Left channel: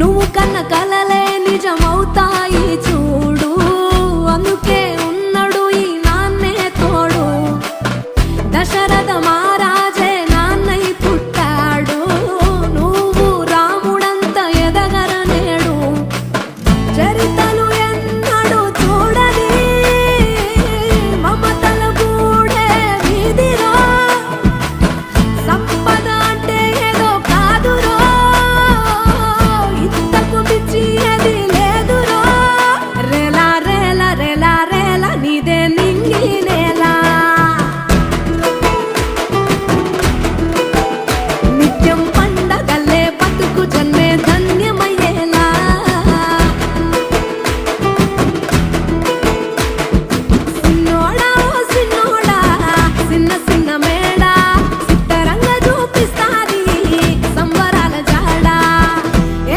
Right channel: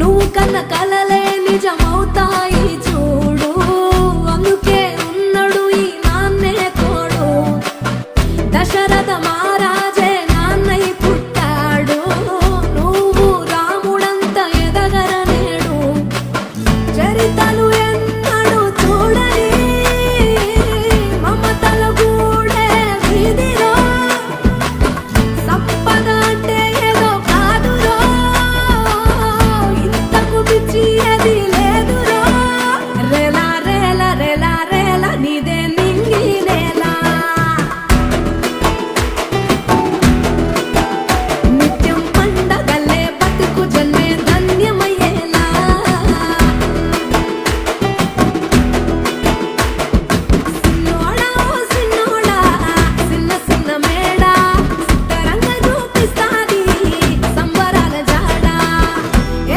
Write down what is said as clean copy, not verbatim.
నువ్వు కన్న కలలే నిజమవుతాయి చూడు, అందుకే ఉన్నాడు ఈ నాన్నే తోడు. దశరథ మహారాజే నాన్నై పుట్టాడు, నువ్వు రాముడంత ఎదగ